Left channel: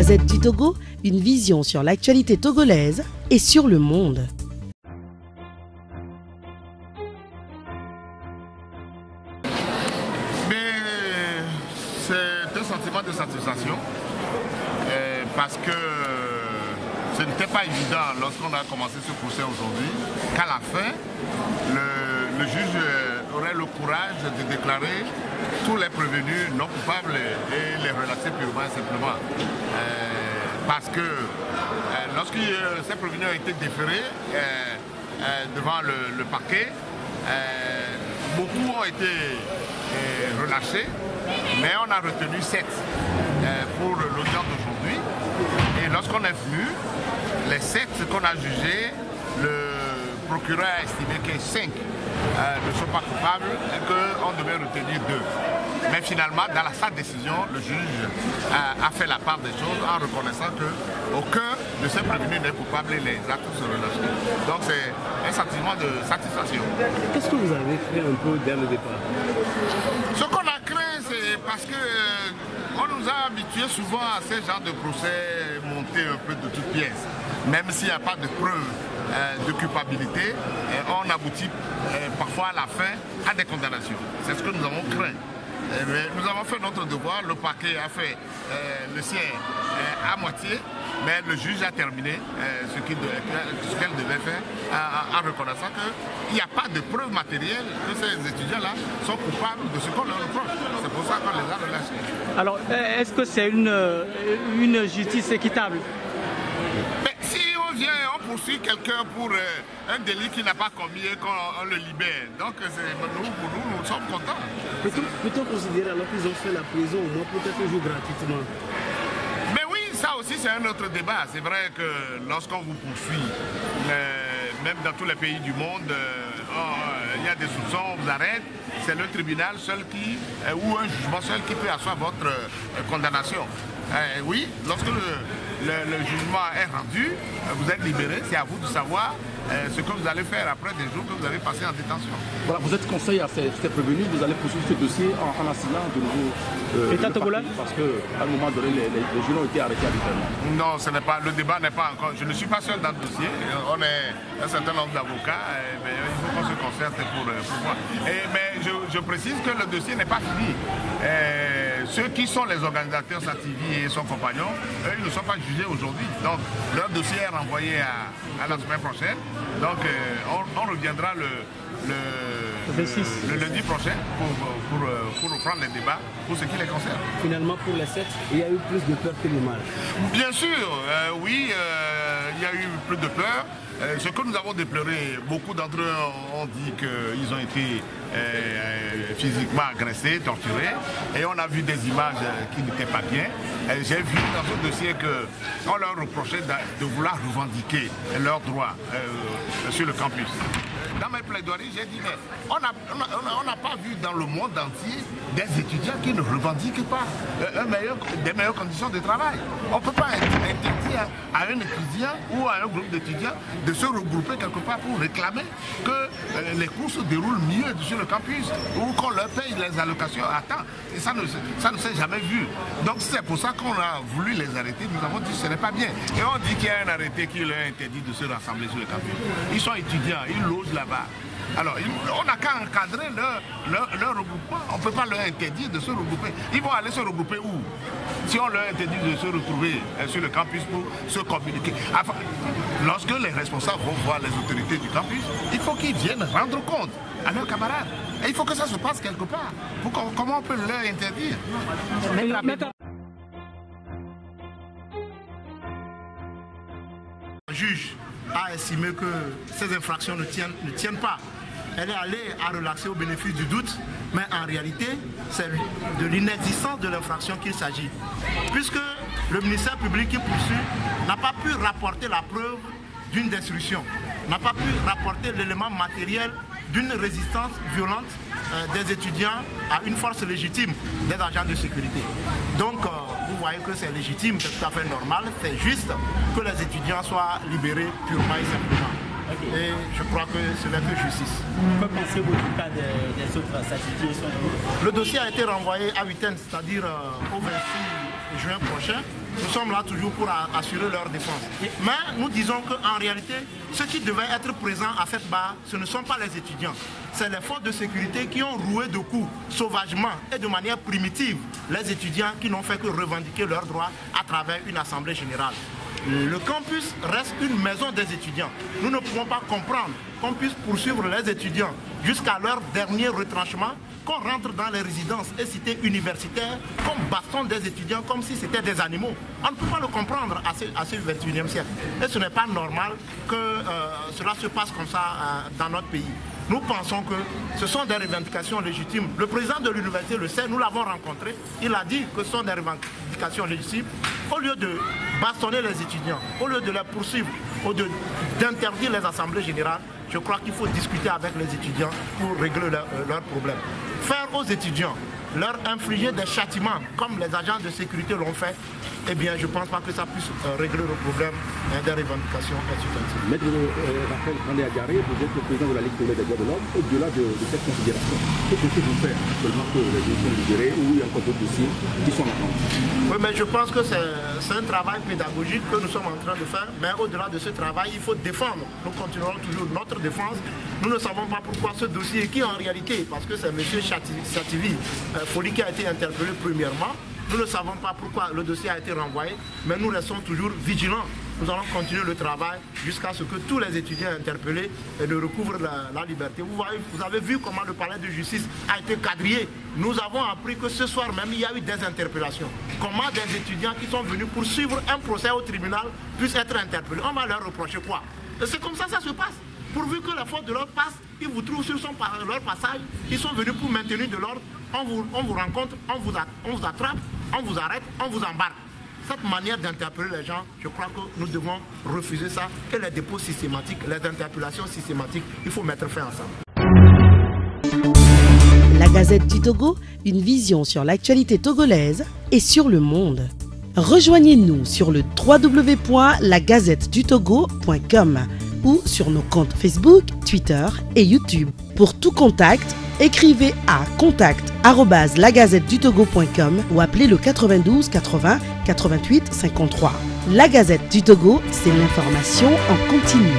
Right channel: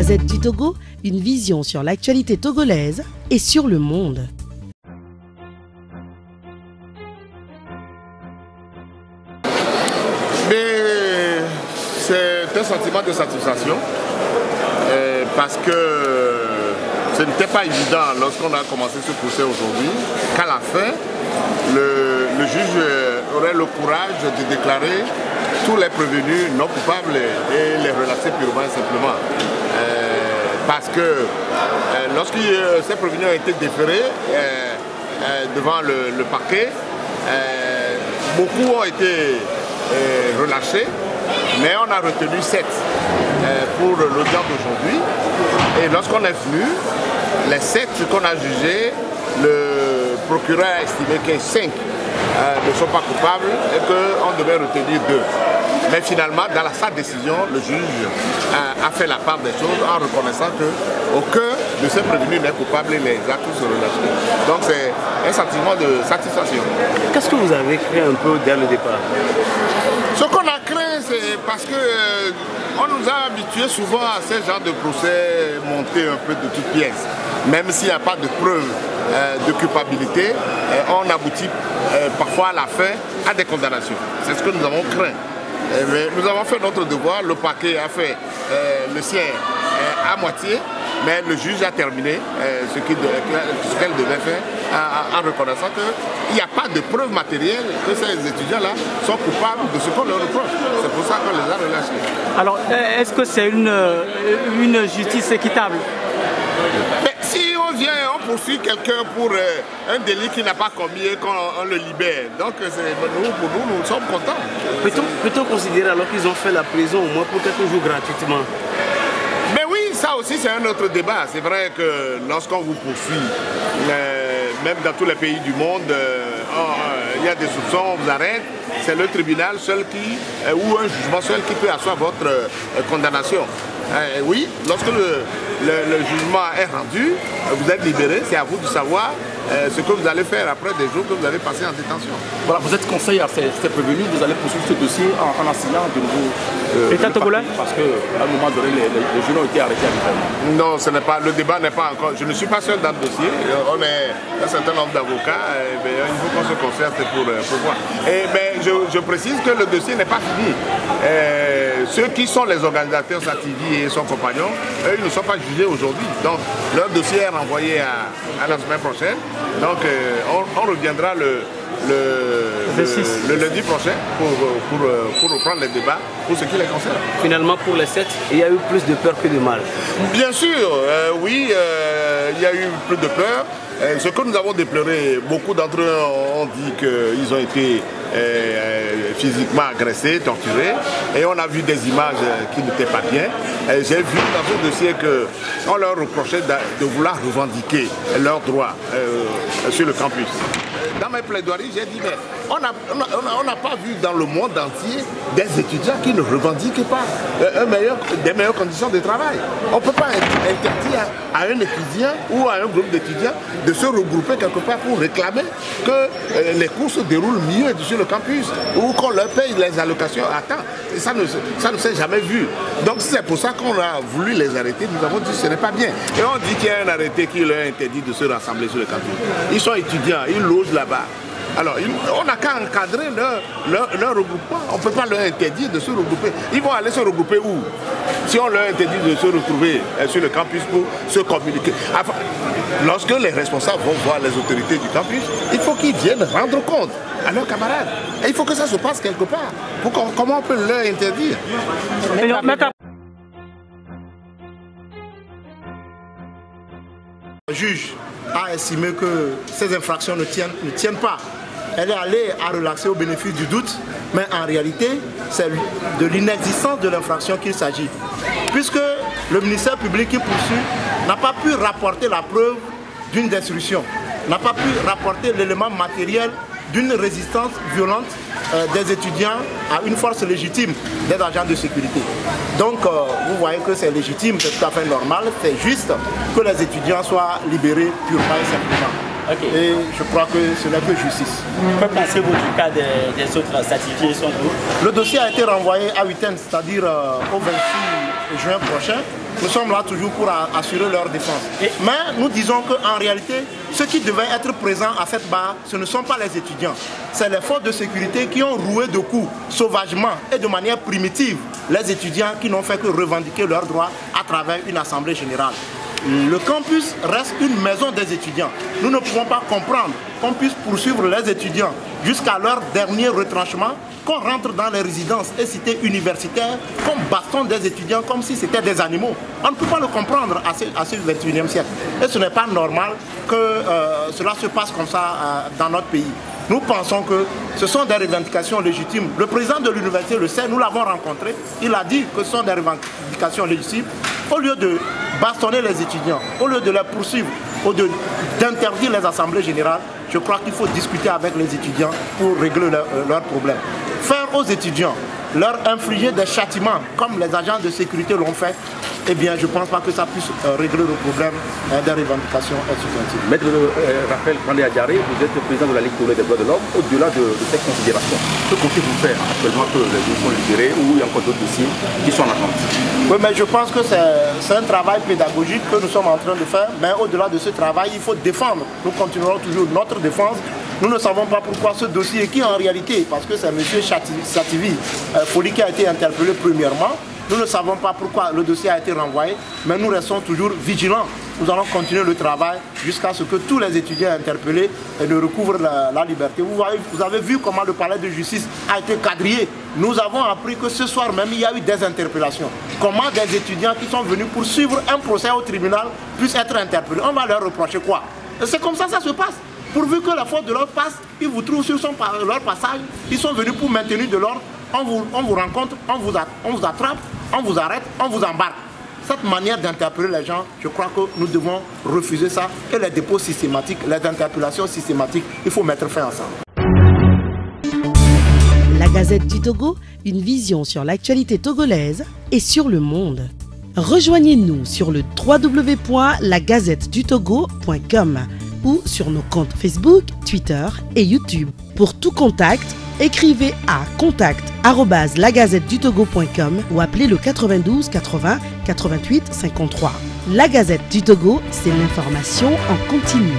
Gazette du Togo, une vision sur l'actualité togolaise et sur le monde. Mais c'est un sentiment de satisfaction parce que ce n'était pas évident lorsqu'on a commencé ce procès aujourd'hui qu'à la fin, le juge aurait le courage de déclarer tous les prévenus non coupables et les relaxer purement et simplement. Parce que lorsque ces prévenus ont été déférés devant le parquet, beaucoup ont été relâchés, mais on a retenu 7 pour l'audience d'aujourd'hui. Et lorsqu'on est venu, les 7 qu'on a jugés, le procureur a estimé que 5 ne sont pas coupables et qu'on devait retenir 2. Mais finalement, dans sa décision, le juge a fait la part des choses en reconnaissant qu'aucun de ces prévenus n'est coupable et les a tous relâchés. Donc c'est un sentiment de satisfaction. Qu'est-ce que vous avez craint un peu dès le départ? Ce qu'on a craint, c'est parce que on nous a habitués souvent à ce genre de procès montés un peu de toutes pièces. Même s'il n'y a pas de preuve de culpabilité, on aboutit parfois à la fin à des condamnations. C'est ce que nous avons craint. Mais nous avons fait notre devoir, le parquet a fait le sien à moitié, mais le juge a terminé ce qu'elle devait faire en reconnaissant qu'il n'y a pas de preuve matérielle que ces étudiants-là sont coupables de ce qu'on leur reproche. C'est pour ça qu'on les a relâchés. Alors, est-ce que c'est une justice équitable? Mais si on vient, on poursuit quelqu'un pour un délit qu'il n'a pas commis et qu'on le libère, donc pour nous, nous sommes contents. Plutôt considérer alors qu'ils ont fait la prison au moins pour quelques jours gratuitement. Mais oui, ça aussi c'est un autre débat. C'est vrai que lorsqu'on vous poursuit, même dans tous les pays du monde, il y a des soupçons, on vous arrête. C'est le tribunal seul ou un jugement seul qui peut asseoir votre condamnation. Oui, lorsque le jugement est rendu, vous êtes libéré, c'est à vous de savoir ce que vous allez faire après des jours que vous avez passé en détention. Voilà, vous êtes conseil à ces prévenus, vous allez poursuivre ce dossier en assignant de nouveau État togolais, parce qu'à un moment donné, les jeunes ont été arrêtés. Non, le débat n'est pas encore. Je ne suis pas seul dans le dossier. On est un certain nombre d'avocats. Il faut qu'on se concerte pour voir. Mais je précise que le dossier n'est pas fini. Ceux qui sont les organisateurs, Sativi et son compagnon, eux, ils ne sont pas jugés aujourd'hui. Donc, leur dossier est renvoyé à la semaine prochaine. Donc, on reviendra le lundi prochain pour reprendre les débats pour ce qui les concerne. Finalement, pour les 7, il y a eu plus de peur que de mal. Bien sûr, oui, il y a eu plus de peur. Ce que nous avons déploré, beaucoup d'entre eux ont dit qu'ils ont été physiquement agressés, torturés, et on a vu des images qui n'étaient pas bien. J'ai vu dans ce dossier qu'on leur reprochait de vouloir revendiquer leurs droits sur le campus. Dans mes plaidoiries, j'ai dit, mais on n'a pas vu dans le monde entier des étudiants qui ne revendiquent pas des meilleures conditions de travail. On ne peut pas interdire à un étudiant ou à un groupe d'étudiants de se regrouper quelque part pour réclamer que les cours se déroulent mieux sur le campus ou qu'on leur paye les allocations à temps. Et ça ne s'est jamais vu. Donc c'est pour ça qu'on a voulu les arrêter. Nous avons dit que ce n'est pas bien. Et on dit qu'il y a un arrêté qui leur interdit de se rassembler sur le campus. Ils sont étudiants, ils logent là-bas. Alors, on n'a qu'à encadrer leur regroupement. On ne peut pas leur interdire de se regrouper. Ils vont aller se regrouper où? Si on leur interdit de se retrouver sur le campus pour se communiquer. Enfin, lorsque les responsables vont voir les autorités du campus, il faut qu'ils viennent rendre compte à leurs camarades. Et il faut que ça se passe quelque part. Comment on peut leur interdire? Le juge a estimé que ces infractions ne tiennent pas. Elle est allée à relaxer au bénéfice du doute, mais en réalité, c'est de l'inexistence de l'infraction qu'il s'agit. Puisque le ministère public qui poursuit n'a pas pu rapporter la preuve d'une destruction, n'a pas pu rapporter l'élément matériel d'une résistance violente des étudiants à une force légitime des agents de sécurité. Donc vous voyez que c'est légitime, c'est tout à fait normal, c'est juste que les étudiants soient libérés purement et simplement. Okay. Et je crois que ce n'est que justice. Que pensez-vous du cas des autres certifiés sont où? Le dossier a été renvoyé à Huitaine, c'est-à-dire au 26 juin prochain. Nous sommes là toujours pour assurer leur défense. Mais nous disons qu'en réalité, ceux qui devaient être présents à cette barre, ce ne sont pas les étudiants. C'est les forces de sécurité qui ont roué de coups sauvagement et de manière primitive les étudiants qui n'ont fait que revendiquer leurs droits à travers une assemblée générale. Le campus reste une maison des étudiants. Nous ne pouvons pas comprendre qu'on puisse poursuivre les étudiants jusqu'à leur dernier retranchement, qu'on rentre dans les résidences et cités universitaires, qu'on bastonne des étudiants comme si c'était des animaux. On ne peut pas le comprendre à ce 21e siècle. Et ce n'est pas normal que cela se passe comme ça dans notre pays. Nous pensons que ce sont des revendications légitimes. Le président de l'université le sait, nous l'avons rencontré. Il a dit que ce sont des revendications légitimes. Au lieu de bastonner les étudiants, au lieu de les poursuivre, au lieu d'interdire les assemblées générales, je crois qu'il faut discuter avec les étudiants pour régler leurs problèmes. Faire aux étudiants, leur infliger des châtiments comme les agents de sécurité l'ont fait, eh bien je ne pense pas que ça puisse régler le problème des revendications étudiantiles. Maître Raphaël Kandé-Adjaré, vous êtes le président de la Ligue des droits de l'homme. Au-delà de cette considération, que comptez-vous faire actuellement que les dossiers sont libérés ou il y a encore d'autres dossiers qui sont en attente? Oui, mais je pense que c'est un travail pédagogique que nous sommes en train de faire. Mais au-delà de ce travail, il faut défendre. Nous continuerons toujours notre défense. Nous ne savons pas pourquoi ce dossier qui en réalité, parce que c'est M. Chativi Foli qui a été interpellé premièrement, nous ne savons pas pourquoi le dossier a été renvoyé, mais nous restons toujours vigilants. Nous allons continuer le travail jusqu'à ce que tous les étudiants interpellés ne recouvrent la liberté. Vous avez vu comment le palais de justice a été quadrillé. Nous avons appris que ce soir même, il y a eu des interpellations. Comment des étudiants qui sont venus pour suivre un procès au tribunal puissent être interpellés? On va leur reprocher quoi? C'est comme ça que ça se passe. Pourvu que la force de l'ordre passe, ils vous trouvent sur leur passage, ils sont venus pour maintenir de l'ordre, on vous rencontre, on vous attrape, on vous arrête, on vous embarque. Cette manière d'interpeller les gens, je crois que nous devons refuser ça. Et les dépôts systématiques, les interpellations systématiques, il faut mettre fin à ça. La Gazette du Togo, une vision sur l'actualité togolaise et sur le monde. Rejoignez-nous sur le www.lagazettedutogo.com ou sur nos comptes Facebook, Twitter et YouTube. Pour tout contact, écrivez à contact@lagazettedutogo.com ou appelez le 92 80 88 53. La Gazette du Togo, c'est l'information en continu.